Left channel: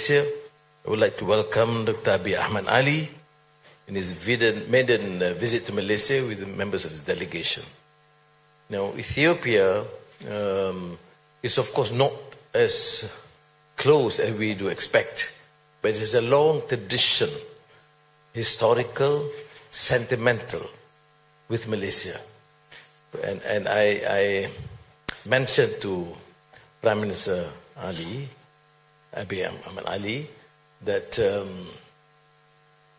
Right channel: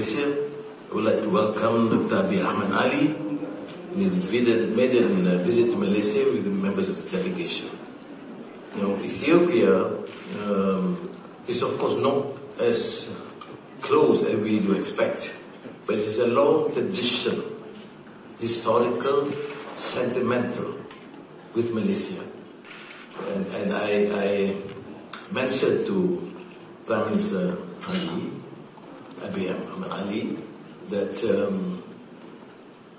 Malaysia. I would like to welcome Dr. Abiy Ahmed in his maiden visit to Malaysia with members of the delegation. Now, Ethiopia is of course not as close as we do expect, but it is a long tradition, historical, sentimental, with Malaysia. And I mentioned to Prime Minister Abiy Ahmed that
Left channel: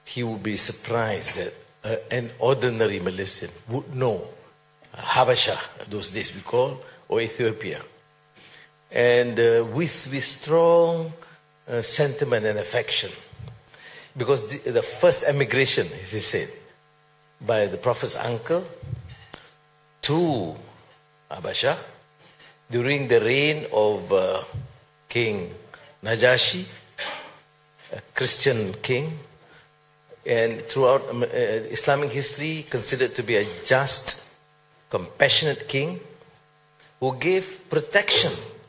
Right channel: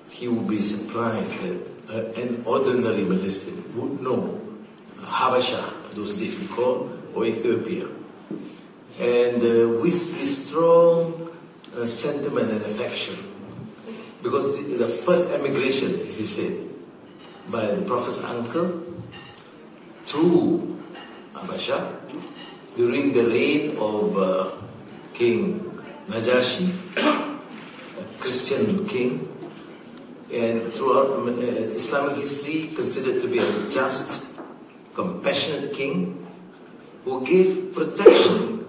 he would be surprised that an ordinary Malaysian would know Habasha, those days we call, or Ethiopia. And with strong sentiment and affection, because the first emigration, as he said, by the Prophet's uncle to Habasha during the reign of King Najashi, a Christian king, and throughout Islamic history considered to be a just, compassionate king who gave protection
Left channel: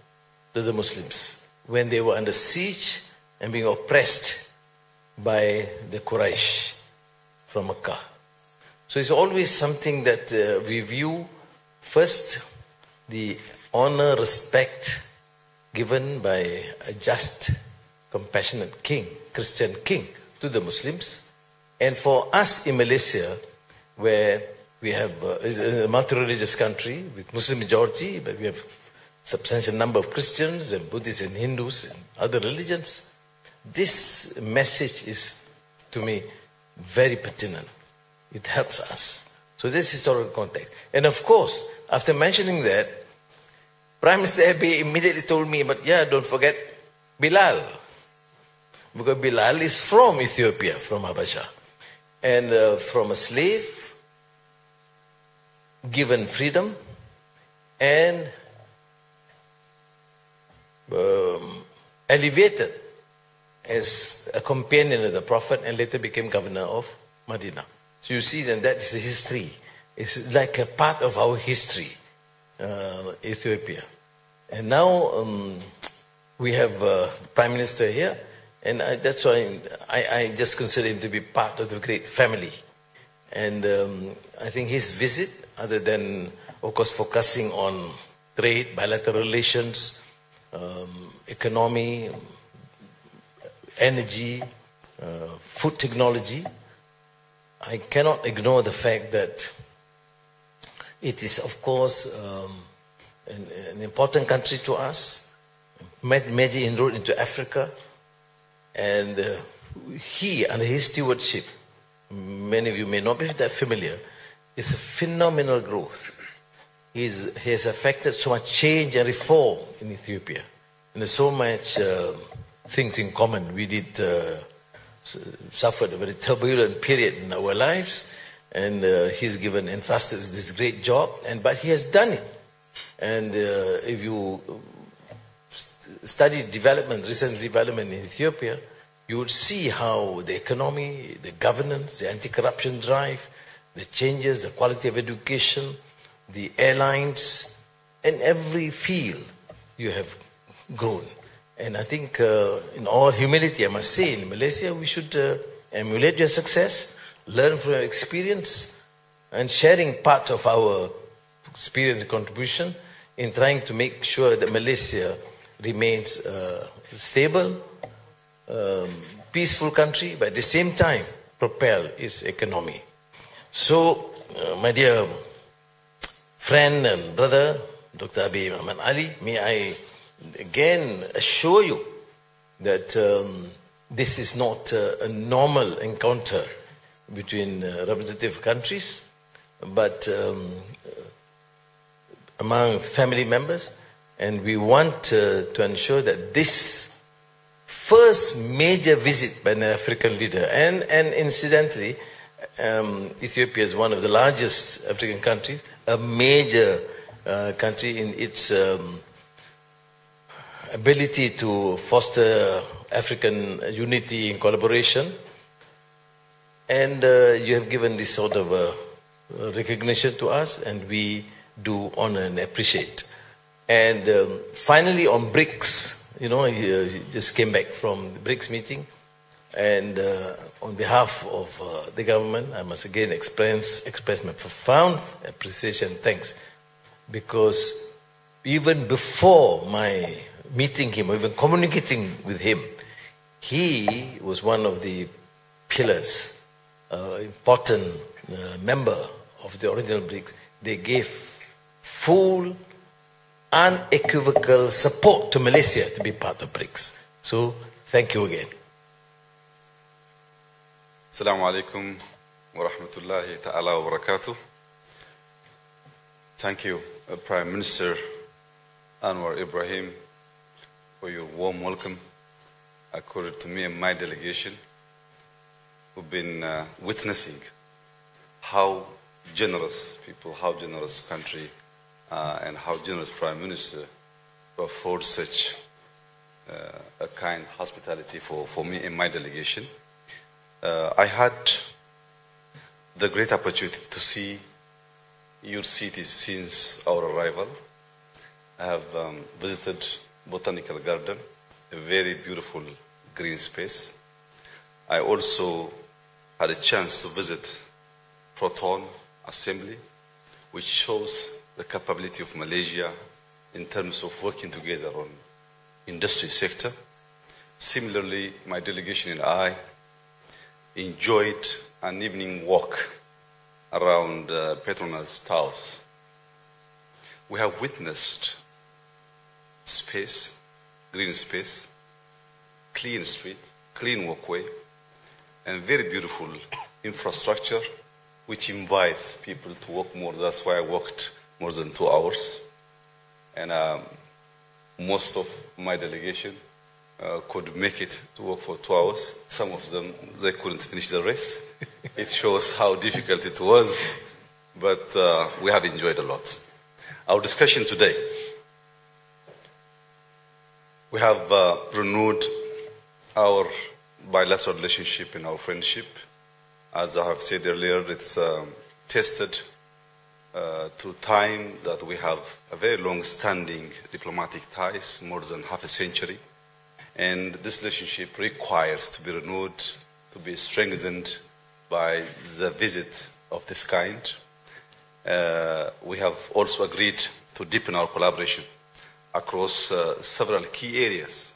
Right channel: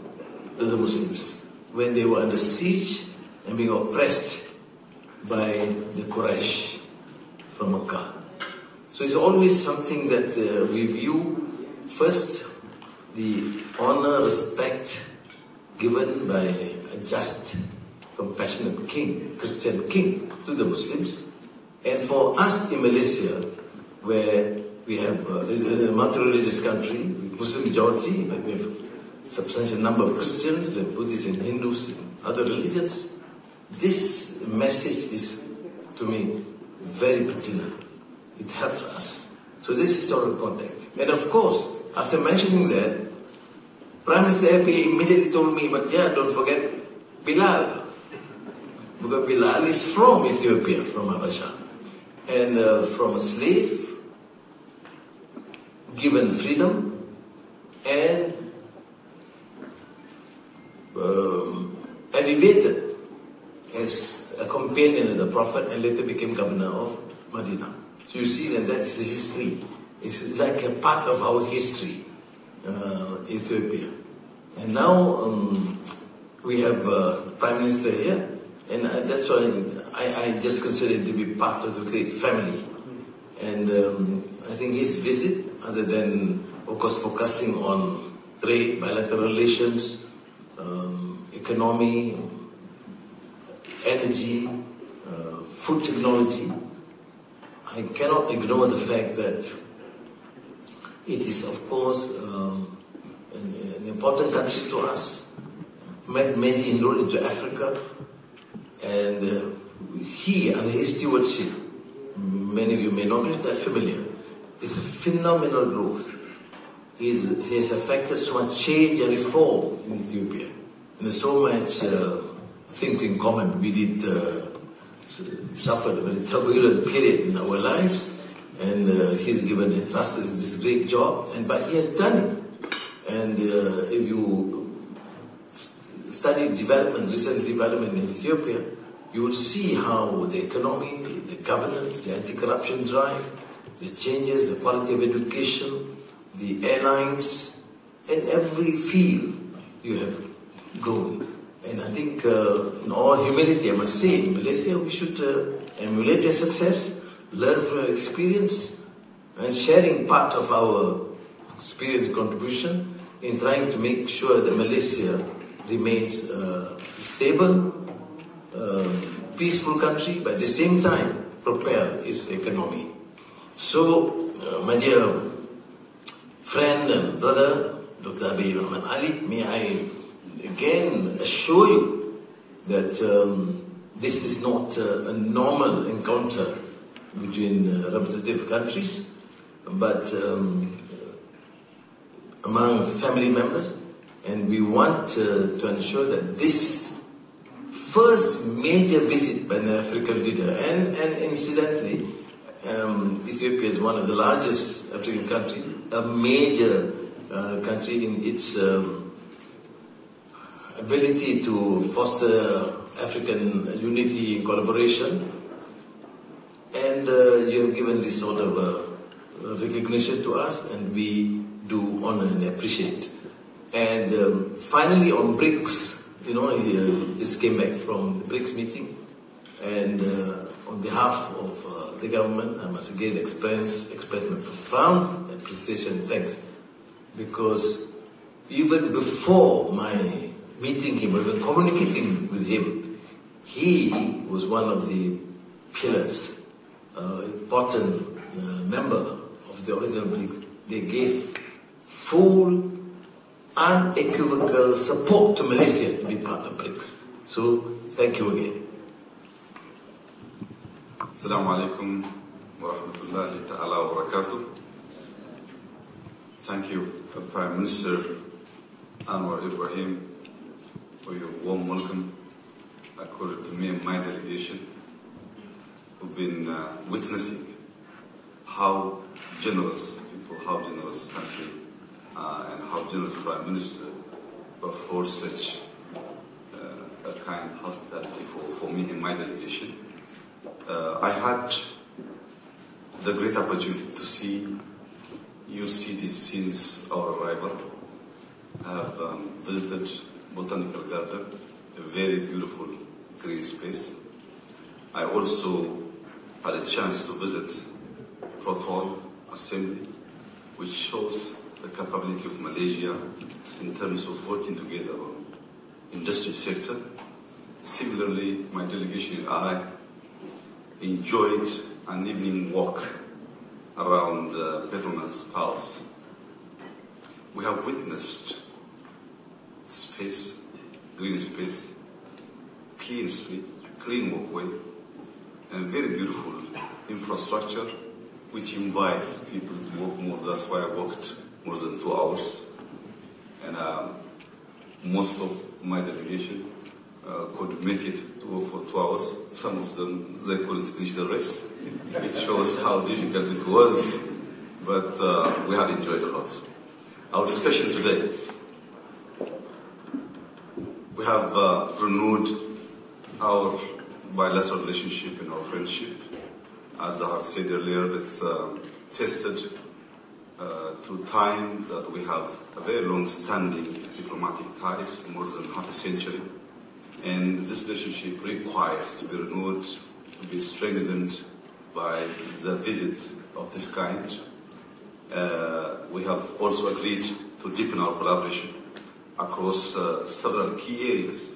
to the Muslims when they were under siege and being oppressed by the Quraysh from Mecca. So it's always something that we view first the honor, respect given by a just, compassionate king, Christian king to the Muslims. And for us in Malaysia, where we have it's a multi-religious country with Muslim majority, but we have a substantial number of Christians and Buddhists and Hindus and other religions, this message is, to me, very pertinent. It helps us. So this is historical context. And of course, after mentioning that, Prime Minister Abiy immediately told me, but yeah, don't forget Bilal. Because Bilal is from Ethiopia, from Habasha. And from a slave, given freedom, and elevated as a companion of the Prophet, and later became governor of Medina. So you see that is the history. It's like a part of our history, Ethiopia. And now we have Prime Minister here, and that's why I just consider him to be part of the great family. And I think his visit, other than, of course, focusing on trade, bilateral relations, economy, energy, food technology, I cannot ignore the fact that it is, of course, an important country to us, made major inroad into Africa, and he, under his stewardship, many of you may not be that familiar, is a phenomenal growth. He has affected so much change and reform in Ethiopia. And there's so much things in common. We did suffer a very turbulent period in our lives, and he's given entrusted with this great job, but he has done it. And if you study recent development in Ethiopia, you would see how the economy, the governance, the anti-corruption drive, the changes, the quality of education, the airlines, in every field you have grown. And I think in all humility, I must say, in Malaysia we should emulate your success, learn from your experience, and sharing part of our experience and contribution in trying to make sure that Malaysia remains stable, peaceful country, but at the same time propel its economy. So, my dear friend and brother, Dr. Abiy Ahmed, may I again assure you that this is not a normal encounter between representative countries, but among family members, and we want to ensure that this first major visit by an African leader, and incidentally, Ethiopia is one of the largest African countries, a major country in its ability to foster African unity and collaboration, and you have given this sort of recognition to us, and we do honor and appreciate. And finally, on BRICS, he just came back from the BRICS meeting, and on behalf of the government, I must again express my profound appreciation and thanks, because even before my meeting him, or even communicating with him, he was one of the pillars, important member of the original BRICS. They gave full, unequivocal support to Malaysia to be part of BRICS. So, thank you again. Assalamu alaikum wa rahmatullahi ta'ala wa barakatuh. Thank you, Prime Minister Anwar Ibrahim, for your warm welcome accorded to me and my delegation, who've been witnessing how generous people, how generous country, and how generous Prime Minister afford such a kind hospitality for me and my delegation. I had the great opportunity to see your cities since our arrival. I have visited Botanical Garden, a very beautiful green space. I also had a chance to visit Proton Assembly, which shows the capability of Malaysia in terms of working together on industry sector. Similarly, my delegation and I enjoyed an evening walk around Petronas Towers. We have witnessed space, green space, clean street, clean walkway, and very beautiful infrastructure which invites people to walk more. That's why I walked more than 2 hours. And most of my delegation could make it to walk for 2 hours. Some of them, they couldn't finish the race. It shows how difficult it was, but we have enjoyed a lot. Our discussion today, we have renewed our bilateral relationship and our friendship. As I have said earlier, it's tested to time that we have a very long-standing diplomatic ties, more than half a century. And this relationship requires to be renewed, to be strengthened by the visit of this kind. We have also agreed to deepen our collaboration across several key areas:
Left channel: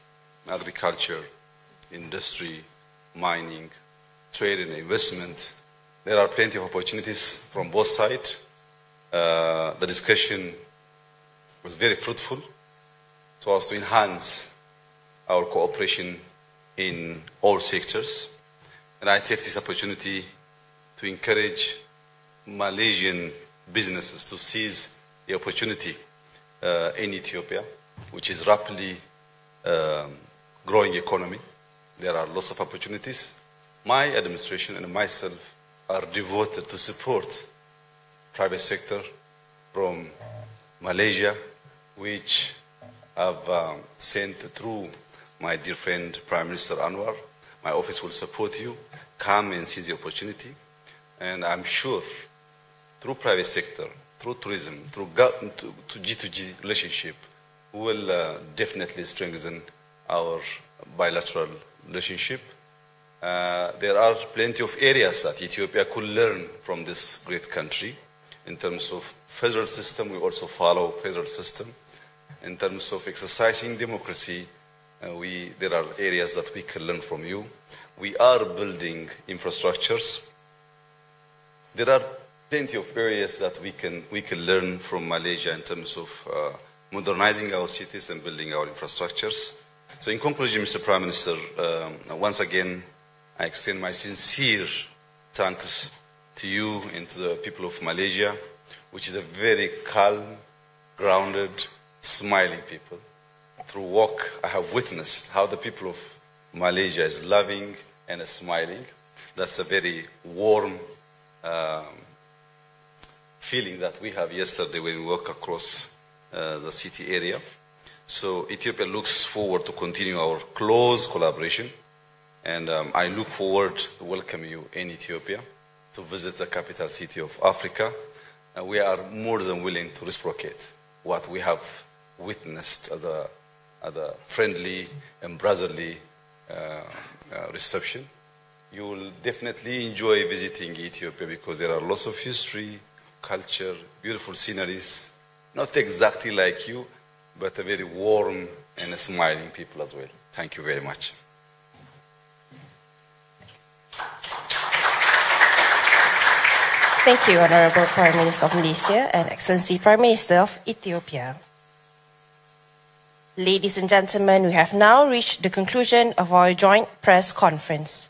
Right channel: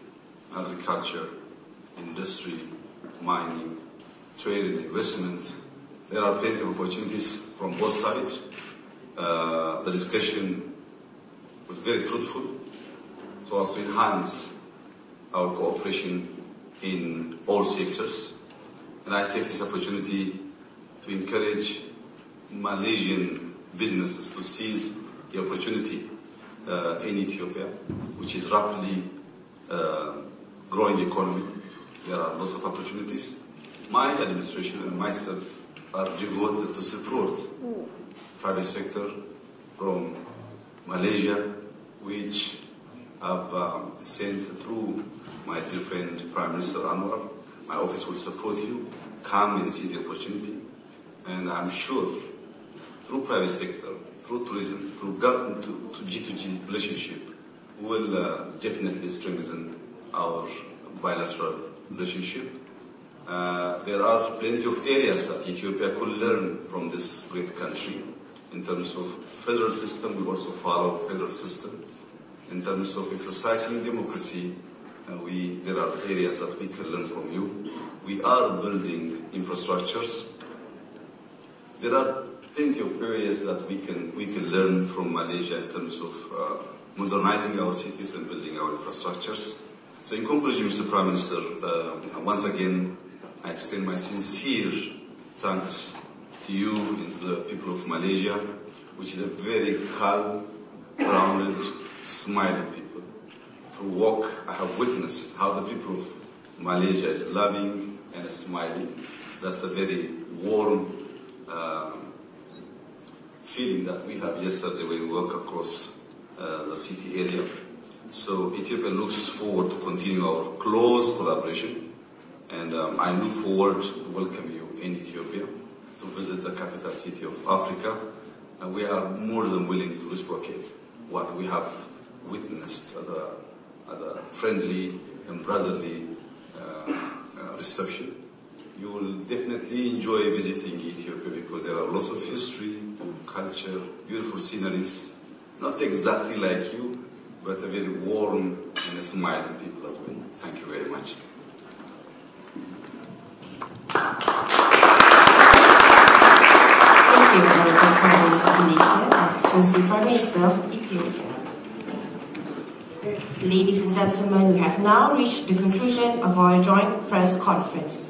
agriculture, industry, mining, trade and investment. There are plenty of opportunities from both sides. The discussion was very fruitful so as to enhance our cooperation in all sectors. And I take this opportunity to encourage Malaysian businesses to seize the opportunity in Ethiopia, which is rapidly growing economy. There are lots of opportunities. My administration and myself are devoted to support private sector from Malaysia, which I've sent through my dear friend Prime Minister Anwar. My office will support you. Come and seize the opportunity. And I'm sure through private sector, through tourism, through government to G2G relationship, we will definitely strengthen our bilateral relationship. There are plenty of areas that Ethiopia could learn from this great country. In terms of federal system, we also follow federal system. In terms of exercising democracy, there are areas that we can learn from you. We are building infrastructures. There are plenty of areas that we can learn from Malaysia in terms of modernizing our cities and building our infrastructures. So in conclusion, Mr. Prime Minister, once again, I extend my sincere thanks to you and to the people of Malaysia, which is a very calm, grounded, smiling people. Through walk, I have witnessed how the people of Malaysia is loving and smiling. That's a very warm feeling that we have yesterday when we walk across the city area. So Ethiopia looks forward to continue our close collaboration, and I look forward to welcome you in Ethiopia to visit the capital city of Africa. And we are more than willing to reciprocate what we have witnessed at the a friendly and brotherly reception. You will definitely enjoy visiting Ethiopia because there are lots of history, culture, beautiful sceneries, not exactly like you, but a very warm and smiling people as well. Thank you very much. Thank you, Honorable Prime Minister of Malaysia and Excellency Prime Minister of Ethiopia. Ladies and gentlemen, we have now reached the conclusion of our joint press conference.